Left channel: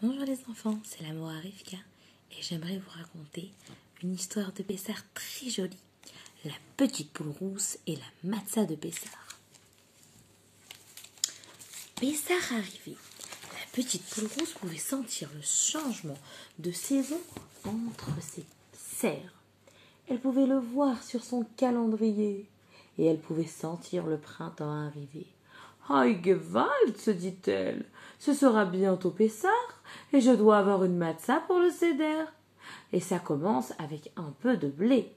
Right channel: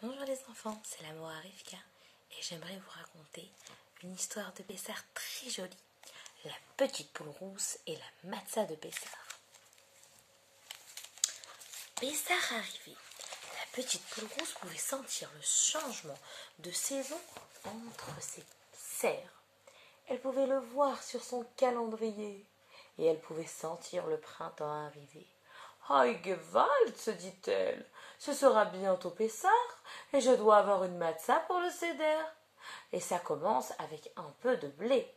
Bonjour les enfants, c'est la Moa Rivka et j'aimerais vous raconter une histoire de Pessah très jolie. La petite poule rousse et la matzah de Pessah. Pessah arrivé, la petite poule rousse pouvait sentir le changement de saison entre ses serres. Elle pouvait le voir sur son calendrier et elle pouvait sentir le printemps arriver. « Aïe, Gewalt !» se dit-elle, « ce sera bientôt Pessah et je dois avoir une matzah pour le seder. » Et ça commence avec un peu de blé.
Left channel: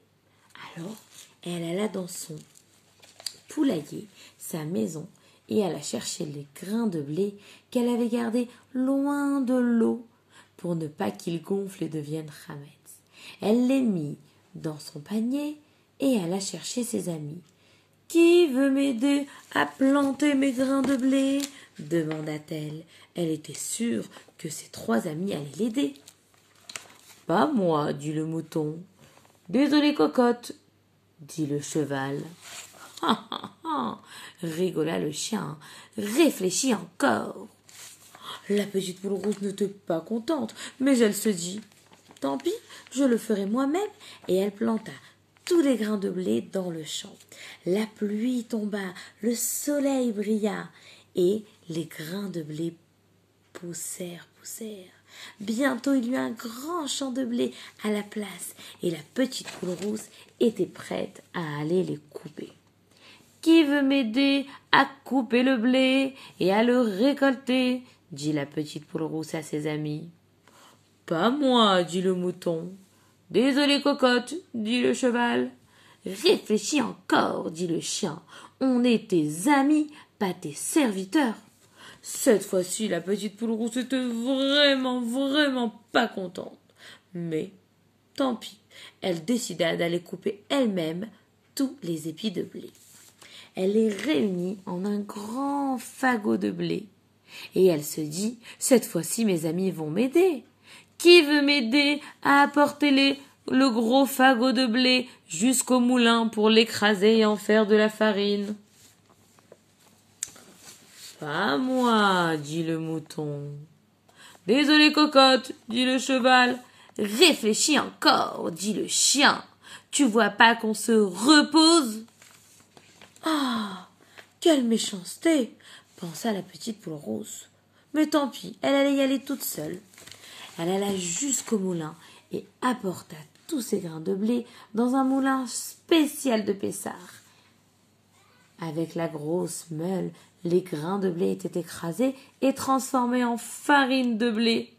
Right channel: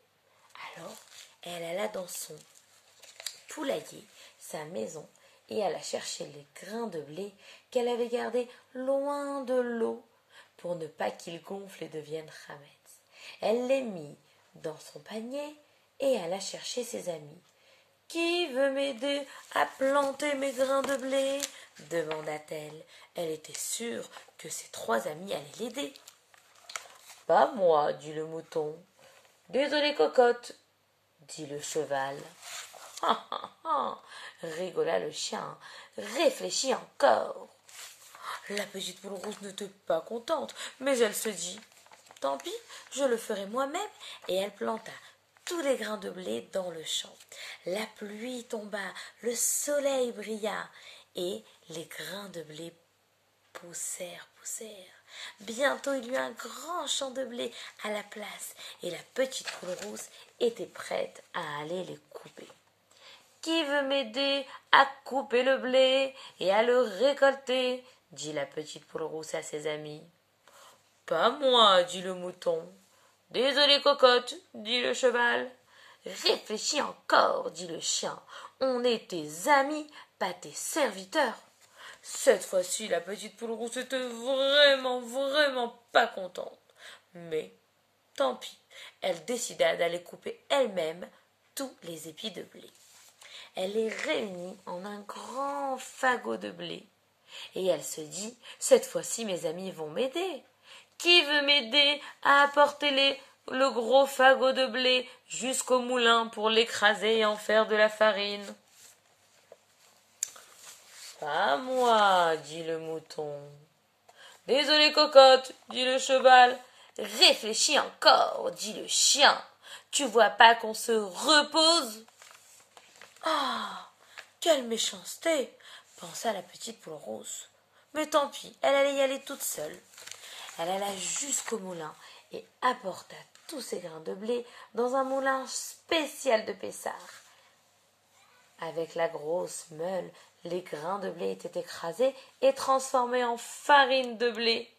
Alors, elle alla dans son poulailler, sa maison, et alla chercher les grains de blé qu'elle avait gardés loin de l'eau pour ne pas qu'ils gonflent et deviennent chametz. Elle les mit dans son panier et alla chercher ses amis. « Qui veut m'aider à planter mes grains de blé ?» demanda-t-elle. Elle était sûre que ses trois amis allaient l'aider. « Pas moi, dit le mouton. »« Désolé, cocotte, dit le cheval. »« Ha, ha, ha, rigola le chien. Réfléchis encore. » La petite poule rousse n'était pas contente, mais elle se dit « Tant pis, je le ferai moi-même. » Et elle planta tous les grains de blé dans le champ. La pluie tomba, le soleil brilla, et les grains de blé poussèrent. Bientôt il y eut un grand champ de blé à la place, et la petite poule rousse était prête à aller les couper. « Qui veut m'aider à couper le blé et à le récolter ?» dit la petite poule rousse à ses amis. « Pas moi, dit le mouton. »« Désolé, cocotte, dit le cheval. »« Réfléchis encore, dit le chien. On est tes amis, pas tes serviteurs. » Cette fois-ci, la petite poule rousse était vraiment pas contente. Mais, tant pis, elle décida d'aller couper elle-même tous les épis de blé. Elle les réunit en un grand fagot de blé. Et elle se dit, cette fois-ci, mes amis vont m'aider. Qui veut m'aider à apporter le gros fagot de blé jusqu'au moulin pour l'écraser et en faire de la farine? Pas moi, dit le mouton. Désolé, cocotte, dit le cheval. Réfléchis encore, dit le chien. Tu vois pas qu'on se repose? Ah, quelle méchanceté, pensa la petite poule rousse. Mais tant pis, elle allait y aller toute seule. Elle alla jusqu'au moulin et apporta tous ses grains de blé dans un moulin spécial de Pessah. Avec la grosse meule, les grains de blé étaient écrasés et transformés en farine de blé.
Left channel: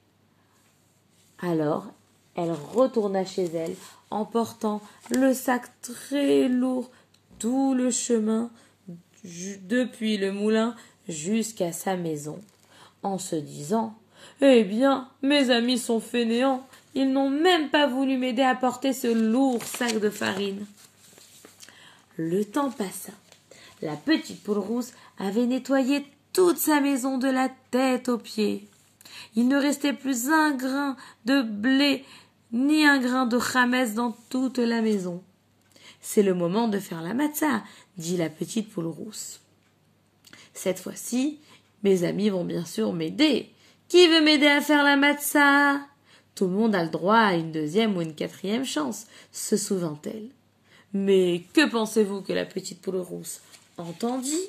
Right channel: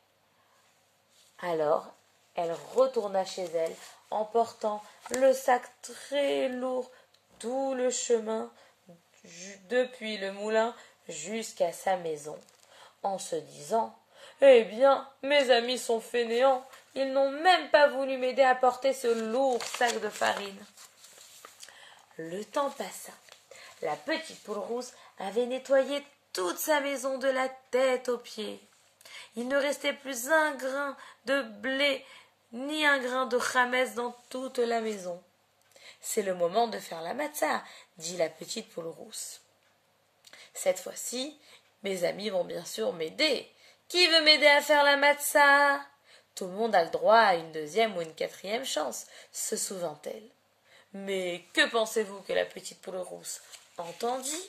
Alors, elle retourna chez elle en portant le sac très lourd tout le chemin depuis le moulin jusqu'à sa maison, en se disant « Eh bien, mes amis sont fainéants, ils n'ont même pas voulu m'aider à porter ce lourd sac de farine. » Le temps passa. La petite poule rousse avait nettoyé toute sa maison de la tête aux pieds. Il ne restait plus un grain de blé ni un grain de chametz dans toute la maison. « C'est le moment de faire la matzah, » dit la petite poule rousse. « Cette fois-ci, mes amis vont bien sûr m'aider. Qui veut m'aider à faire la matzah? Tout le monde a le droit à une deuxième ou une quatrième chance, se souvint-elle. Mais que pensez-vous que la petite poule rousse entendit?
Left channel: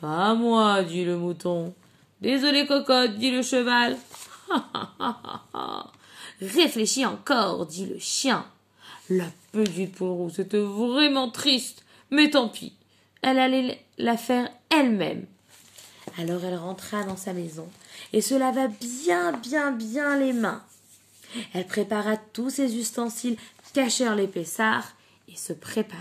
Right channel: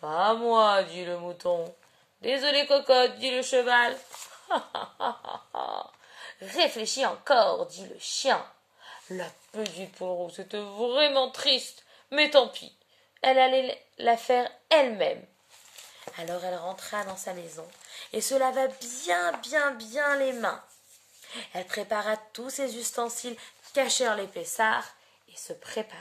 Pas moi, dit le mouton. Désolé, cocotte, dit le cheval. Réfléchis encore, dit le chien. La petite poule rousse était vraiment triste, mais tant pis, elle allait la faire elle-même. Alors elle rentra dans sa maison et se lava bien les mains. Elle prépara tous ses ustensiles, cachèrent les Pessah et se prépara.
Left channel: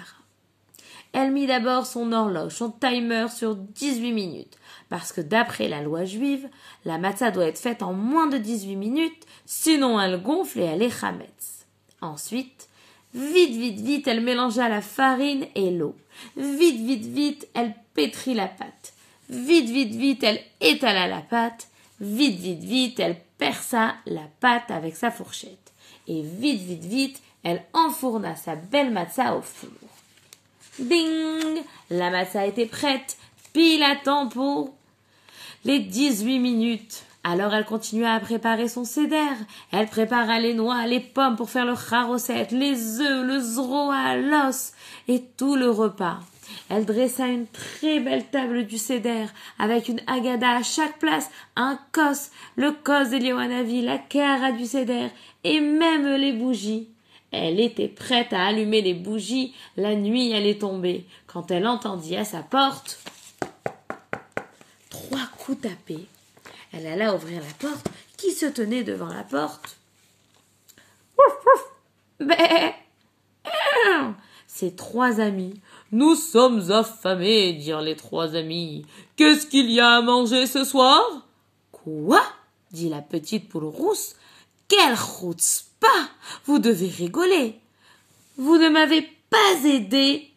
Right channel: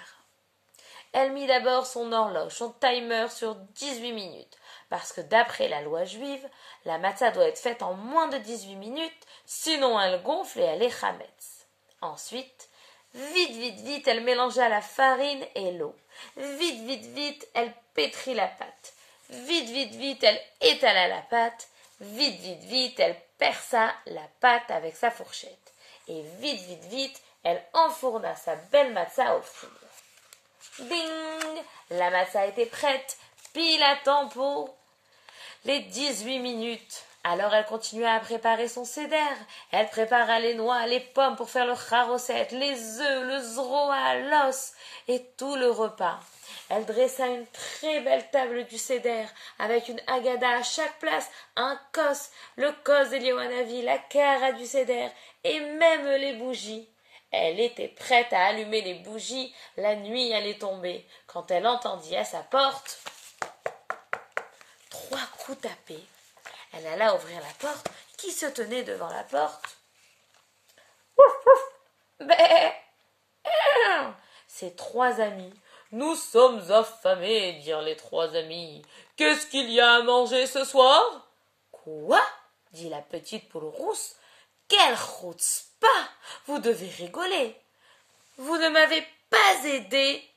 Elle mit d'abord son horloge, son timer sur 18 minutes, parce que d'après la loi juive, la matzah doit être faite en moins de 18 minutes, sinon elle gonfle et elle est chametz. Ensuite, vite, elle mélangea la farine et l'eau. Vite, elle pétrit la pâte. Vite, elle étala la pâte. Vite, elle perça la pâte avec sa fourchette. Et vite, elle enfourna sa belle matzah au four. Ding! La matzah était prête, pile à temps pour les 18 minutes. Alors elle continua à préparer son seder. Elle prépara les noix, les pommes pour faire le charosset, les œufs, le zroa, l'os et tout le repas. Elle dressa une très belle table du seder avec une agada à chaque place, un kos, le kos d'Eliawanavi, la kara du seder et même les bougies. Elle était prête à allumer les bougies, la nuit allait tomber, quand elle entendit à sa porte 3 coups tapés. Elle alla ouvrir la porte. Qui se tenait devant la porte? Ses 3 amis. Nous sommes affamés, dirent les 3 amis. Qu'est-ce qu'il y a à manger ce soir? Quoi? Dit la petite poule rousse. Quelle chutzpah! Vous devez rigoler. Vous ne m'avez pas aidé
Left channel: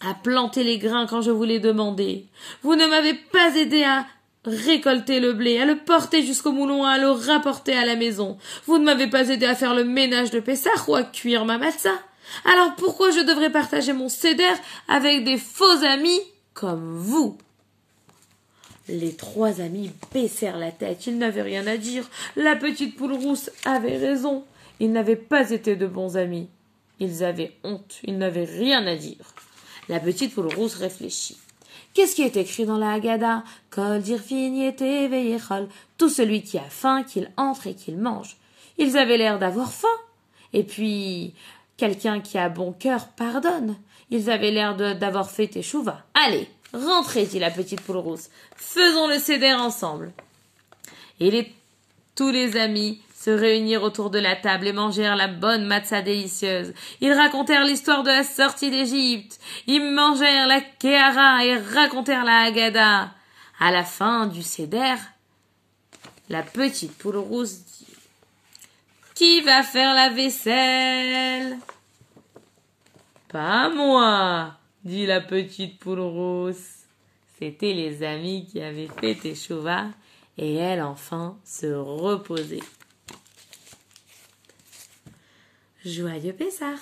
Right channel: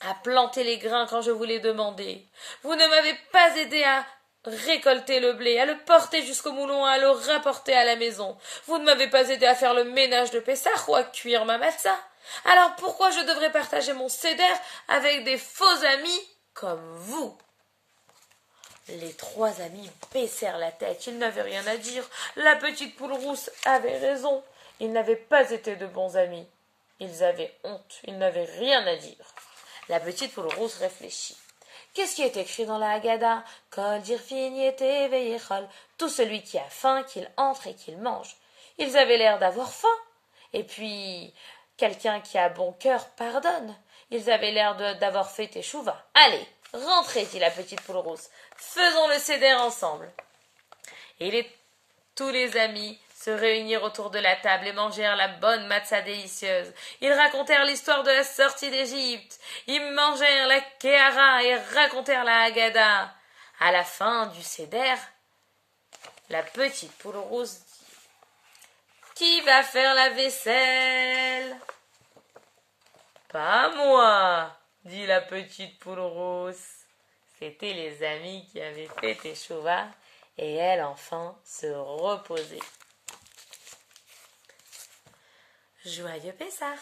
à planter les grains quand je vous l'ai demandé. Vous ne m'avez pas aidé à récolter le blé, à le porter jusqu'au moulon, à le rapporter à la maison. Vous ne m'avez pas aidé à faire le ménage de Pessah ou à cuire ma matzah. Alors pourquoi je devrais partager mon seder avec des faux amis comme vous? Les 3 amis baissèrent la tête, ils n'avaient rien à dire. La petite poule rousse avait raison. Ils n'avaient pas été de bons amis. Ils avaient honte, ils n'avaient rien à dire. La petite poule rousse réfléchit. Qu'est-ce qui est écrit dans la Haggadah? Kol dirfin yete veyechol. Tout celui qui a faim, qu'il entre et qu'il mange. Ils avaient l'air d'avoir faim. Et puis, quelqu'un qui a bon cœur pardonne. Ils avaient l'air d'avoir fait teshuva. Allez, rentrez, dit la petite poule rousse. Faisons le seder ensemble. Et tous les amis se réunirent autour de la table et mangèrent la bonne matzah délicieuse. Ils racontèrent l'histoire de la sortie d'Égypte. Ils mangèrent la kéhara et racontèrent la Haggadah. À la fin du seder, la petite poule rousse dit « Qui va faire la vaisselle ?»« Pas moi !» dit la petite poule rousse. C'étaient les amis qui avaient fait teshuva et elle enfin se reposait. Joyeux Pessah!